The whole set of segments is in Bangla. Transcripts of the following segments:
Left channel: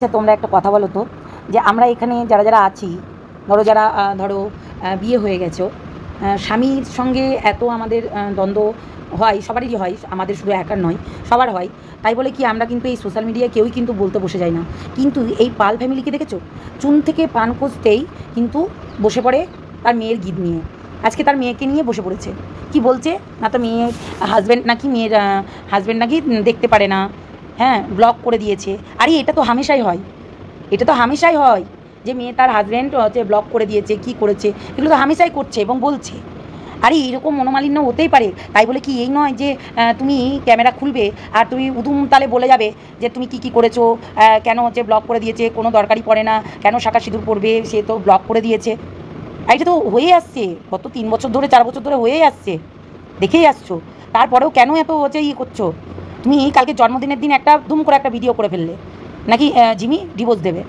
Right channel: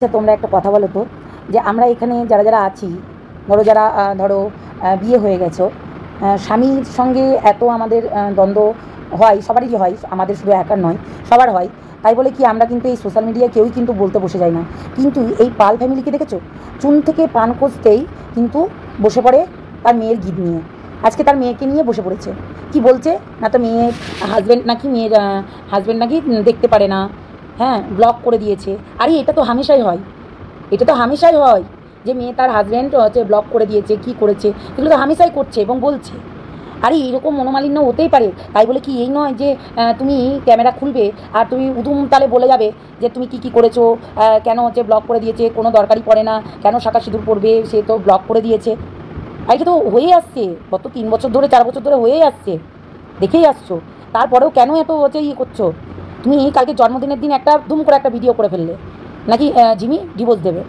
আচ্ছা তোমরা একটা কথা বলো তো, যে আমরা এখানে যারা যারা আছি, ধরো যারা ধরো বিয়ে হয়ে গেছো, স্বামীর সঙ্গে এত আমাদের দ্বন্দ্ব হয়, সবারই হয়, আমাদের শুধু একার নয়, সবার হয়। তাই বলে কি আমরা কিন্তু এই সোশ্যাল মিডিয়ায় কেউই কিন্তু বলতে বসে যায় না। কিন্তু এই পাল ফ্যামিলিকে দেখেছো, চুন থেকে পান খুঁজতেই কিন্তু বসে পড়ে তার মেয়ের গিট নিয়ে। আজকে তার মেয়েকে নিয়ে বসে পড়েছে, কি বলছে না, তো মেয়ের হাজব্যান্ড নাকি, মেয়ের হাজব্যান্ড নাকি দেখতে পারে না, হ্যাঁ ব্লক করে দিয়েছে। আরে এটা তো হামেশাই হয়, এটা তো হামেশাই হয় যে মেয়ে তার হাজব্যান্ড হচ্ছে ব্লক করে দিয়েছে, কি করেছে, এগুলো তো হামেশাই করছে এবং বলছে। আরে এরকম মনোমালিন্য হতেই পারে, তাই বলে কি এই নয় যে তুমি ক্যামেরা খুলবে আর তুমি উদুম তালে বলে যাবে যে তুমি কি কি করেছো, কেন হচ্ছে ব্লক করে দিয়েছে, কোনো দরকারই পড়ে না, কেন শাঁখা সিঁদুর পড়বে, সে তো ব্লক করে দিয়েছে। আর এটা তো হয়ে আসছে, গত 3 বছর ধরে 4 বছর ধরে হয়েই আসছে, দেখেই আসছো। তারপরেও কেন এত হচ্ছে করছো? তুমি কালকে জন্মদিনের দিন একটা দুম করে একটা ভিডিও করে ফেললে, নাকি জিমি ডিভোর্স দেবে,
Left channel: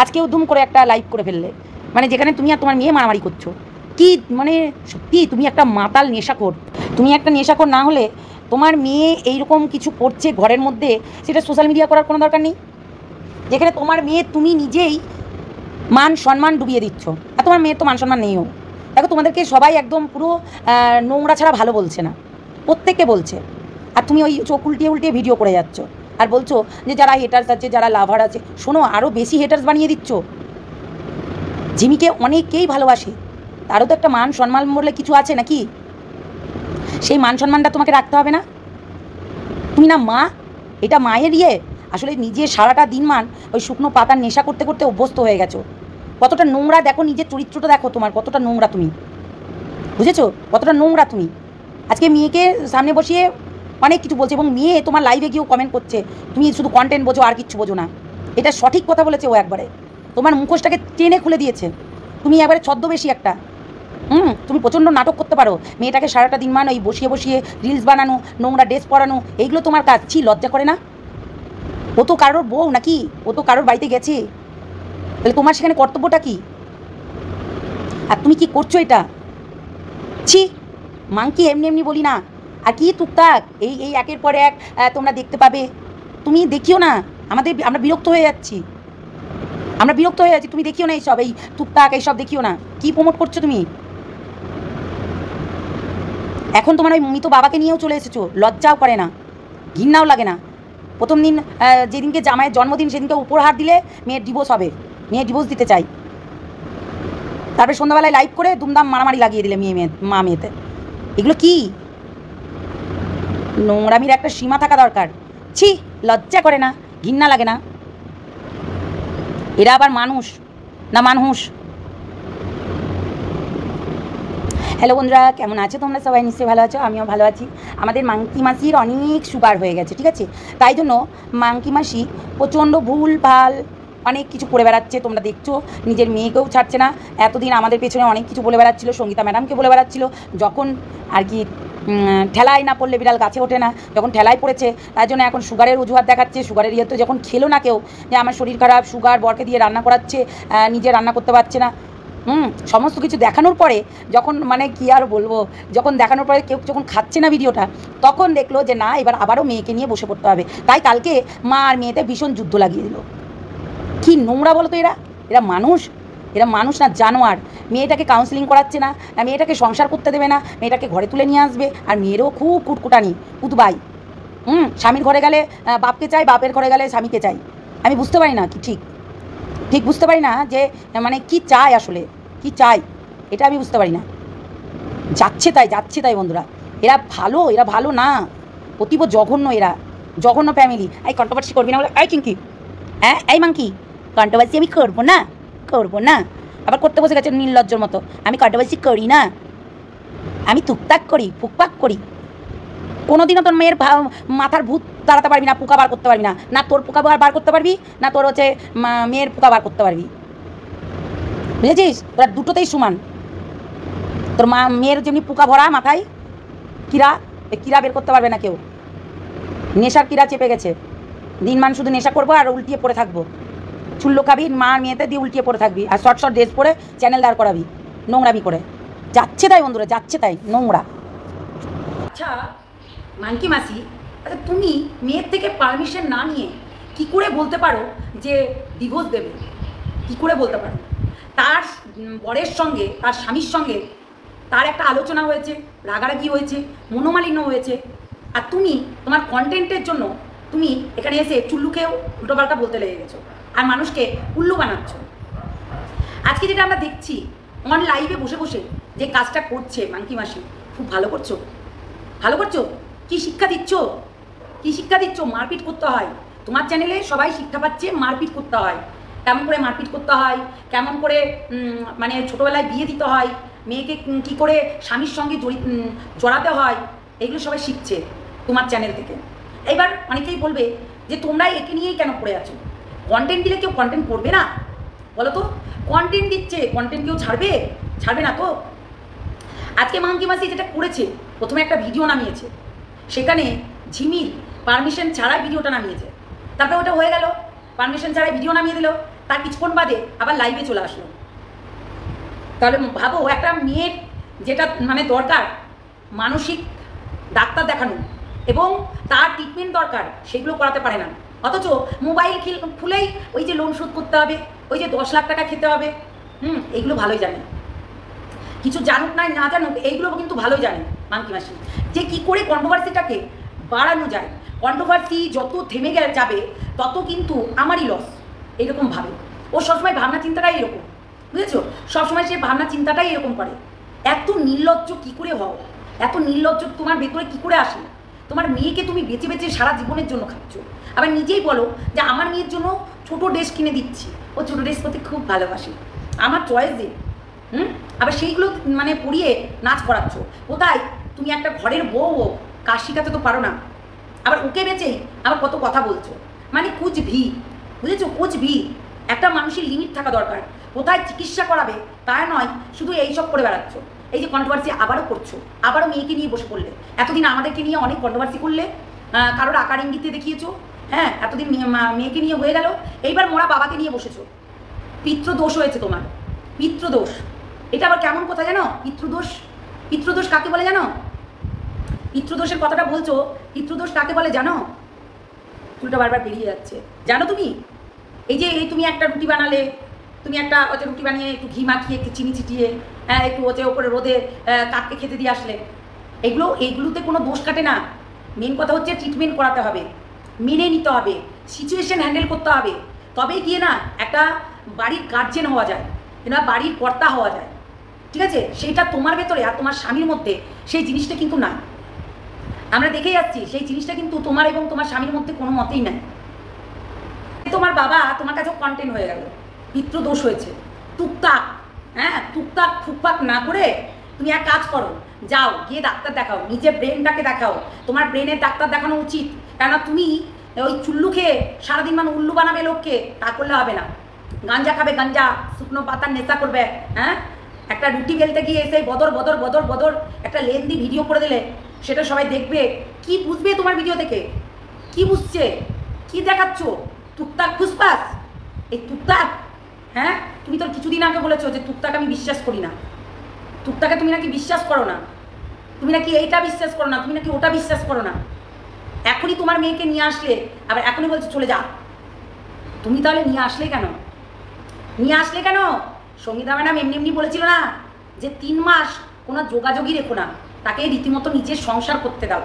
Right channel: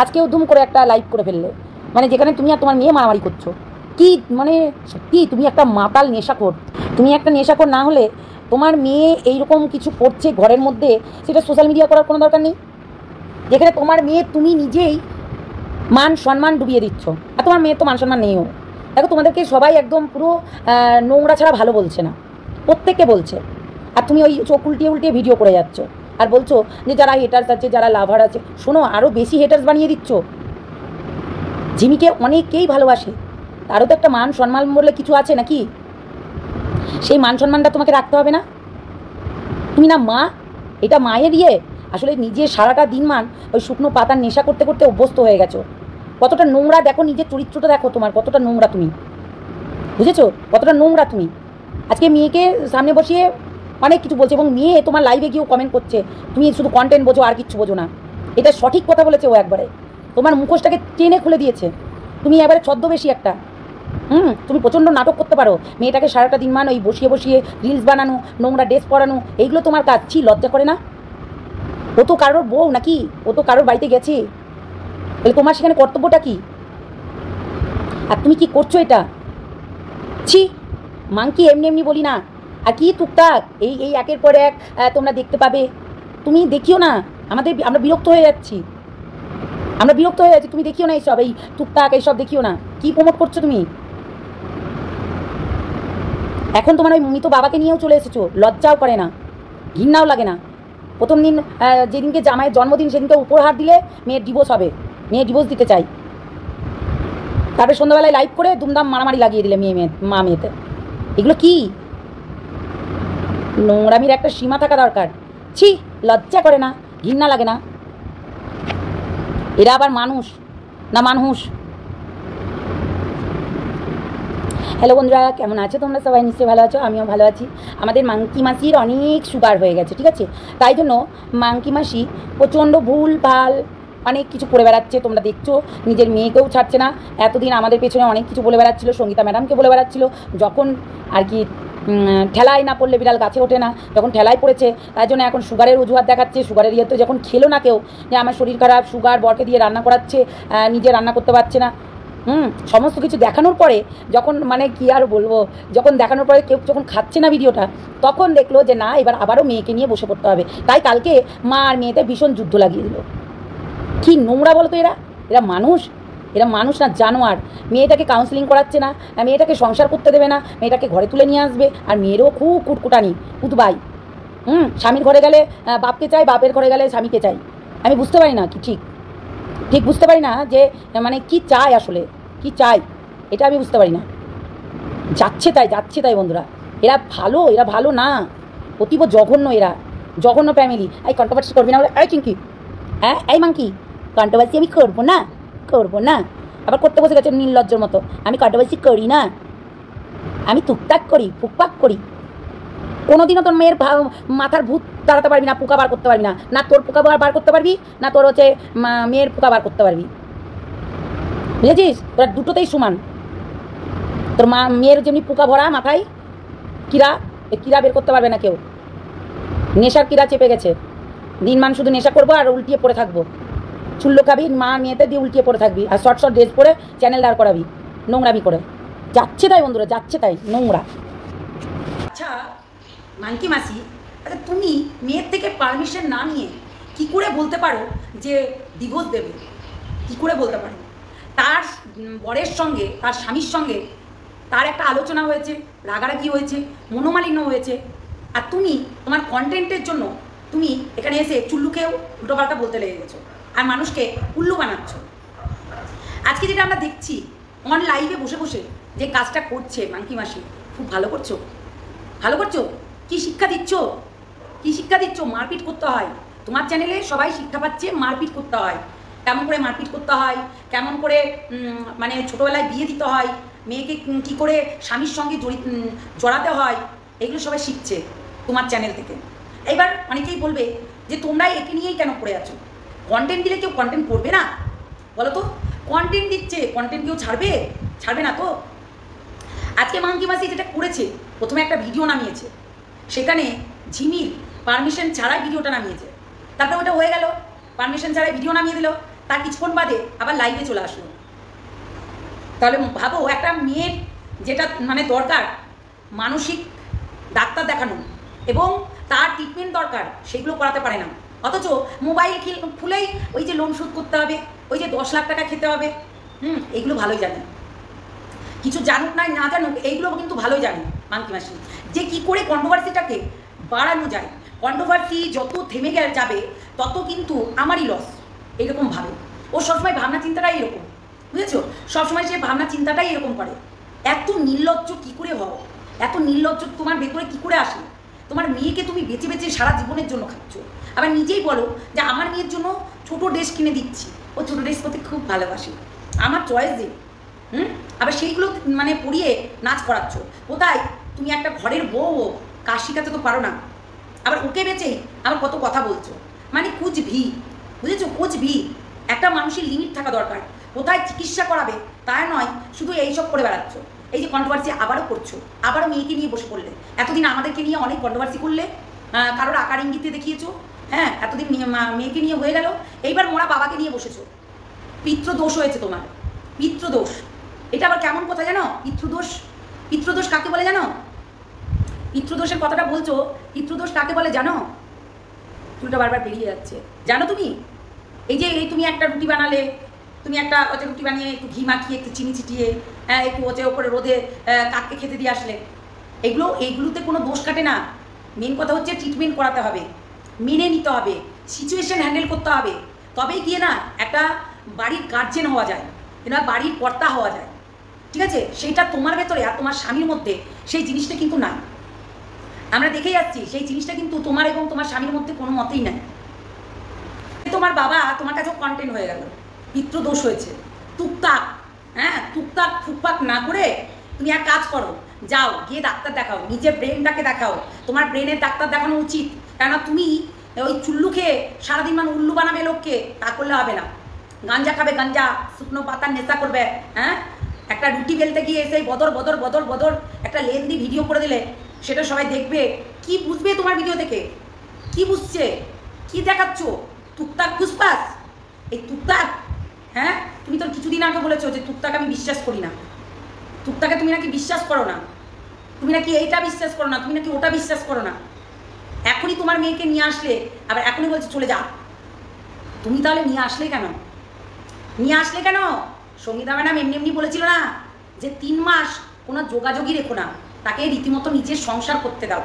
আজকেও দুম করে একটা লাইভ করে ফেললে, মানে যেখানে তুমি আর তোমার মেয়ে মারামারি করছো। কি মানে সত্যি তুমি একটা মাতাল নেশাখোর। তুমি একটা নেশাখোর না হলে তোমার মেয়ে এইরকম কিছু করছে ঘরের মধ্যে, সেটা সোশ্যাল মিডিয়া করার কোনো দরকার নেই। যেখানে তোমার মেয়ে তুমি নিজেই মান সম্মান ডুবিয়ে দিচ্ছ, আর তোমার মেয়ের তো মান সম্মান নেইও। দেখো তোমাদেরকে সবাই একদম পুরো নোংরা ছাড়া ভালো বলছে না, প্রত্যেককে বলছে। আর তুমি ওই চোখ উল্টিয়ে উল্টিয়ে ভিডিও করে যাচ্ছ আর বলছো যে যারা হেটার্স আছে, যারা লাভার আছে, শোনো আরও বেশি হেটার্স বানিয়ে দিচ্ছ। জিমিকে অনেকেই ভালোবাসে, তারও তো একটা মান সম্মান বলে কিছু আছে নাকি? সেই মান সম্মানটা তোমাকে রাখতে হবে না? তুমি না মা, এটা মায়ের ইয়ে। আসলে নিজে সারাটা দিন মান ওই শুকনো পাতার নেশা করতে করতে অভ্যস্ত হয়ে গেছো। কতটা নোংরা দেখো, নিজের চরিত্রটা দেখো তোমার, কতটা নোংরা তুমি, বুঝেছো? কতটা নোংরা তুমি। আজকে মেয়েকে সামনে বসিয়ে অনেক কিছু বলছে, এবং মেয়ে তোমার লাইভে গিয়েও কমেন্ট করছে তুমি শুধু কন্টেন্ট বোঝো আর কিচ্ছু বোঝো না। এটা সঠিক কথা বলেছে ও, একবারে তোমার মুখোশটাকে টেনে খুলে দিয়েছে। তুমি একবারে ছদ্মবেশী একটা, তুমি প্রচণ্ড নাটক করতে পারো। মেয়েটাকে সারাটা দিন মান ওই বসিয়ে বসিয়ে রিলস বানানো, নোংরা ড্রেস পরানো, এইগুলো তোমার কাজ। ছি, লজ্জা করে না? ও তো কারোর বউ নাকি, ও তো কারোর বাড়িতে গেছে, তাহলে তোমার সেখানে কর্তব্যটা কি? আর তুমি কি করছো এটা? ছি, মাংকি এমনি এমনি বলি না। আর কি টুকটাক এই এই একের পর এক তোমরা দেখতে পাবে। তুমি দেখিও না, আমরা বিরক্ত হয়ে যাচ্ছি, আমরা বিরক্ত হয়ে যাচ্ছি। তুমি দেখিও না এইসব, এই টুকটাক এইসব দেখিও না। কি প্রমোট করছো তুমি? এখন তোমার ওই মৃত বাবাকে নিয়েও চলে এসেছো, লজ্জাও করে না, ঘৃণাও লাগে না। প্রথম দিন যেদিনকে জামাইয়ের জন্মদিন, সেদিনকে উপহার দিলে মেয়ের ডিভোর্স হবে, মেয়ের ডিভোর্স দিতে চাই। তারপরে সন্ধ্যাবেলায় লাইভ করে দুমদাম মারামারি লাগিয়ে দিলে মা মেয়েতে। এগুলো কি? নোংরামির একটা সীমা থাকা দরকার। ছি, লজ্জা করে না, ঘৃণা লাগে না? এরা আবার মানুষ না মানুষ? হ্যালো বন্ধুরা, কেমন আছো তোমরা? সবাই নিশ্চয়ই ভালো আছো, আমিও ভালো আছি। আমাদের মাংকি মাসির অনেক সুগার হয়ে গেছে, ঠিক আছে? তাই জন্য মাংকি মাসি প্রচণ্ড ভুল ভাল অনেক কিছু করে বেড়াচ্ছে, তোমরা দেখছো। নিজের মেয়েকেও ছাড়ছে না, এতদিন আমাদের পেছনে অনেক কিছু বলে বেড়াচ্ছিল, সঙ্গীতা ম্যাডামকে বলে বেড়াচ্ছিল। যখন আর কি ঠেলায় না পড়লে বিড়াল গাছে ওঠে না, যখন ঠেলায় পড়েছে তার জন্য এখন সুগারের অজুহাত দেখাচ্ছে। সুগারের ইয়ে তো যখন খেলো না কেউ, যে আমার শরীর খারাপ, সুগার, বরকে দিয়ে রান্না করাচ্ছে, নিজে রান্না করতে পারছে না, সমস্ত কিছু দেখানোর পরে যখন মানে কি আর বলবো, যখন দেখানোর পরে কেউ যখন খাচ্ছে না ভিডিওটা, তখন দেখলো যে না, এবার আবারও মেয়েকে নিয়ে বসে পড়তে হবে। তাই কালকে মা আর মেয়েতে ভীষণ যুদ্ধ লাগিয়ে দিল। কি নোংরা বলো তো এরা? এরা মানুষ? এরা মানুষ না জানোয়ার। মেয়েটাকে কাউন্সিলিং করাচ্ছে না, মেয়েটাকে সংসার করতে দেবে না, মেয়েটাকে ঘরে তুলে নিয়ে আসবে। আর মেয়েরও খুব কুটকুটানি, কুতবাই। স্বামীর ঘরে গেলে বাপকে চাই, বাপের ঘরে গেলে স্বামীকে চাই। আমি বুঝতে পারি না, কি ঠিক ঠিক বুঝতে পারি না যে মানে কি চাই, আসলে কি চাই এটা আমি বুঝতে পারি না। যাচ্ছে তাই বন্ধুরা। এরা ভালো না, অতীব জঘন্য। এরা জঘন্য ফ্যামিলি। এই কন্ট্রোভার্সি করবি না বলে, এই চিঙ্কি, হ্যাঁ এই মাংকি, কন্ট্রোভার্সি আমি করবো না। আবার করতে বসে গেছে নির্লজ্জর মতো। আমি কন্ট্রোভার্সি করি না, আমি টুকটাক করি, ফুকপাক করি। কোনোদিনও তোর মেয়ের মাথার ভূত তাড়াতে পারবি না, পোকা বার করতে পারবি না। না তোর পোকা বার করতে পারবি, না তোর হচ্ছে মেয়ের পোকা বার করতে পারবি, বুঝেছিস? তোরা দুটোতেই সমান। তোর মেয়ের যেমনি পোকা ভরা মাথায়, কিরা বের করতে পারবে না কেউ। নেশার কিরা চেপে গেছে। দিনমান শুধু নেশা করবো আর উল্টিয়ে পড়ে থাকবো, চুল্লো খাবি, মা মেয়েতে দিয়ে উল্টিয়ে পড়ে থাকবি, আর শর্ট ড্রেস পরে চ্যানেল দাঁড় করাবি নোংরামি করে। যাচ্ছে তাই বন্ধুরা, যাচ্ছে তাই, নোংরা। আচ্ছা মাংকি মাসি, আচ্ছা তুমি মেয়ের থেকে পারমিশন না নিয়ে কি করে বলতে পারো যে ডিভোর্স দেবে, কী করে বলতে পারো? তার বরের সঙ্গে, তার স্বামীর সঙ্গে তার একটা আলোচনা হয়েছে, রাগারাগি হয়েছে, মনোমালিন্য হয়েছে, আর তুমি তোমার কন্টেন্টের জন্য তুমি এখানে এসে চুল্লুকেও উল্টোপাল্টা বলতে লেগে গেছো আর মানুষকে উল্লু বানাচ্ছ। আজকে যেটা আমরা দেখছি অন লাইভে বসে বসে যে কাজটা করছে মাংকি মাসি, খুব ভালো করছো, ভালো করছো। কি শিক্ষা দিচ্ছ? কি শিক্ষা দিচ্ছ? মারপিট করতে হয়। তোমার চ্যানেলে সবাই শিক্ষা পাচ্ছে মারপিট করতে হয়, কেমন করে মারপিট করতে হয়, কেমন করে মানে ছোটোবেলায় বিয়ে দিতে হয়, মেয়েকে কী করে স্বামীর সঙ্গে জড়াতে হয়, এগুলো সবাই শিখছে তোমার চ্যানেল থেকে। এবার অনেকেই বলবে যে তোমরা একে নিয়েই কেন পড়ে আছো? কন্টেন্ট দিলে কেউ কন্টেন্ট করবে না বলো তো? কন্টেন্ট দিচ্ছে, কন্টেন্ট কেউ ছাড়বে? ছাড়বে না তো। আজকে মাংকি মাসি যেটা করেছে, প্রথমে একটা ভিডিও নামিয়েছে, সেখানে ঝিমির পারমিশন ছাড়াই ভিডিওটা নামিয়েছে। তারপরে ওটা হয়ে গেল, পারমিশন ছাড়াই ভিডিও নামিয়ে দিল, তার কিছুক্ষণ বাদে আবার লাইভে চলে আসলো। তাহলে ভাবো, একটা মেয়ের যেটা মানে দরকার মানসিক ডাক্তার দেখানো এবং তার ট্রিটমেন্ট দরকার, সেগুলো করাতে পারে না। অথচ মোবাইল খুলেই ওই যে লোন শোধ করতে হবে, ওই যে 10 লাখ টাকা খেতে হবে, এইগুলো ভালোই জানে। কিছু জানুক না না জানুক, এইগুলো কিন্তু ভালোই জানে মাংকি মাসি, যে কী করে কন্ট্রোভার্সিটাকে বাড়ানো যায়। কন্ট্রোভার্সি যত থেমে যাবে তত কিন্তু আমারই লস, এইরকম ভাবে। ও সবসময় ভাবনা চিন্তাটাই এরকম, বুঝেছো? সবসময় সে ভাবনা চিন্তাটাই এরকম করে। এত নির্লজ্জ কী করে হও? এত নির্লজ্জ তোমার ভেতরে কী করে আসে? তোমার মেয়েকে তুমি বেঁচে বেঁচে সারা জীবনের জন্য খাচ্ছ, আবার নিজেই বলো যে আমার মেয়ের জন্য ছোটো ড্রেস কিনে দিচ্ছি, ও ছোটো ড্রেস করতে খুব ভালোবাসে, আমার চয়েস দে। আবার সেইগুলো মানে পরিয়ে নাচ করাচ্ছ। কোথায় তুমি একটা ঘরের বউ, কাজ শিখাতে তো পারো না, আবার ওকে বেচেই আবার কত কথা বলছো। মানে কুচ ভি, বুঝেছো? কুচ ভি। একটা মানুষের লিমিট থাকা দরকার। কোথায় চিকিৎসা করাবে তা নয়, শুধু এইসব করে বেড়াচ্ছ। এই যে কন্ট্রোভার্সি আবারও করছো, আবারও মেয়েকে নিয়ে বসে পড়লে। এতদিন আমাদেরকে নিয়ে অনেক কন্ট্রোভার্সি করলে, কারোর আকার ইঙ্গিতে দেখিয়েছো, হ্যাঁ, এতদিন মেয়েকে নিয়ে হয়ে গেল, এইবার মোরা বাবাকে নিয়ে বসেছো। পিতৃদোষ হয়েছে তোমার, পিতৃদোষ। এটা আবার কেমন কথা জানো? পিতৃদোষ, পিতৃদোষ কাকে বলে জানো? পিতৃদোষের কথাটা বলছো, পিতৃদোষ কাকে বলে জানো? চুলটা বারবার বেরিয়ে যাচ্ছে, জানো তুমি? এই যে তুমি একটা রুটি বানালে, তুমি একটা হচ্ছে রুটি বানিয়ে একটু ঘি মাখিয়ে একটু চিনি ছিটিয়ে একটু হচ্ছে ওপরে রোদে কাককে খেতে দিয়ে আসলে, এইগুলোতে কোনো দোষ কাটে না। মেন কথা হচ্ছে ট্রিটমেন্ট করাতে হবে, মেনে নিতে হবে, সিচুয়েশন হ্যান্ডেল করতে হবে, তবেই গিয়ে না একটা বাড়ির গার্জেন হওয়া যায়, কিংবা বাড়ির কর্তা হওয়া যায়। ঠিক আছে? সেইটা তোমার ভেতরে আর তোমার স্বামীর মধ্যে সেই জিনিসটা কিন্তু নাই। আমরা দেখে যাচ্ছি সেই জিনিসটা কিন্তু তোমার এবং তোমার স্বামীর মধ্যে কোনো মতেই নাই। তোমার বাবা তোমার কাছেও কন্টেন্ট হয়ে গেল, পিতৃদোষ হয়েছে। টুকটাক, হ্যাঁ, টুকটাক ফুকপাক না করে তুমি এক কাজ করো, যাও গিয়ে ডাক্তার দেখাও, নিজের ব্রেনটাকে দেখাও। তোমার ব্রেনের ডাক্তার দেখানো উচিত, কেননা তুমি ওই চুল্লু খেয়ে সারাদিন মানে উল্লু বানাবে লোককে, তা করলে হবে না। গাঞ্জা খাবে, গাঞ্জা, শুকনো পাতার নেশা করবে, হ্যাঁ, একটা রুটি বেলতে গিয়ে এসে বদর বদর বদর বদর একটা লেন্দি ভিডিও করে দিলে, সেটা সবাই দেখবে। কি বুঝবে তোমার ভিডিও থেকে? কি বুঝছে? কি দেখাচ্ছ? টুকটাক ফুসপাস, এই টুকটাক। হ্যাঁ, তুমি তো কিছুদিন আগে বলেছো যে টুকটাক আমি বিশ্বাস করি না। টুকটাকে তুমি নাকি বিশ্বাস করো না, তুমি নাকি এইটা বিশ্বাস করো না, তুমি নাকি ওটা বিশ্বাস করো না। এখনই তোমার মেয়েকে নিয়ে আসলে আবার এখনই বলছে চলে যা। তুমি তাহলে নিয়ে আসলে কেন? নিয়ে আসলে কেন? সঙ্গীতা ম্যাডাম এমনি এমনি বলেছিল না যে 3 মাস কোনো যোগাযোগই রেখো না, তাকে রীতিমতো নিজের সংসার করতে দাও,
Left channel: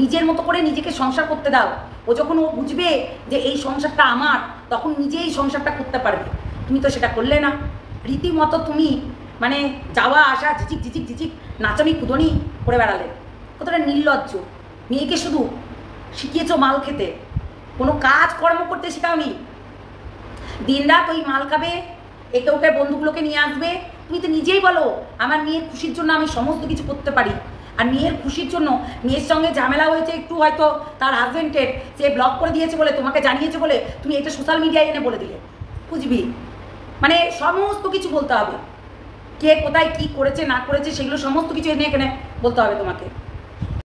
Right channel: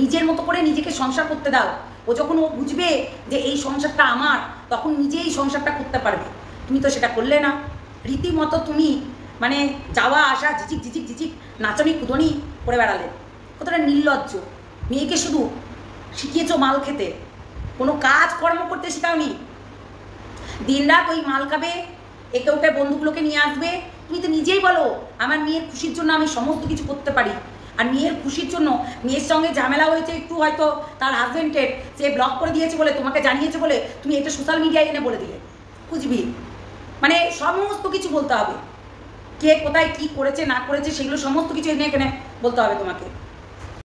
নিজের মতো করে নিজেকে সংসার করতে দাও। ও যখন ও বুঝবে যে এই সংসারটা আমার, তখন নিজেই সংসারটা করতে পারবে। তুমি তো সেটা করলে না, রীতিমতো তুমি মানে যাওয়া আসা ঝিঝিক ঝিঝিক ঝিঝিক নাচনি কুদনি করে বেড়ালে। কতটা নির্লজ্জ। মেয়েকে শুধু শিখিয়েছো মাল খেতে, কোনো কাজ কর্ম করতে শেখাওনি। দিনরাত ওই মাল খাবে, একে ওকে বন্ধুগুলোকে নিয়ে আসবে। তুমি তো নিজেই বলো আমার মেয়ের খুশির জন্য আমি সমস্ত কিছু করতে পারি। আর মেয়ের খুশির জন্য মেয়ের সঙ্গে ঝামেলা হয়েছে একটু, হয়তো তার হাজবেন্ডের, সে ব্লক করে দিয়েছে বলে, তোমাকে জানিয়েছে বলে তুমি এটা সোশ্যাল মিডিয়ায় এনে বলে দিলে। বুঝবি? মানে সমস্ত কিছু বলতে হবে, কে কোথায় কি করেছে না করেছে সেগুলো সমস্ত কিছু এনে এখানে বলতে হবে তোমাকে।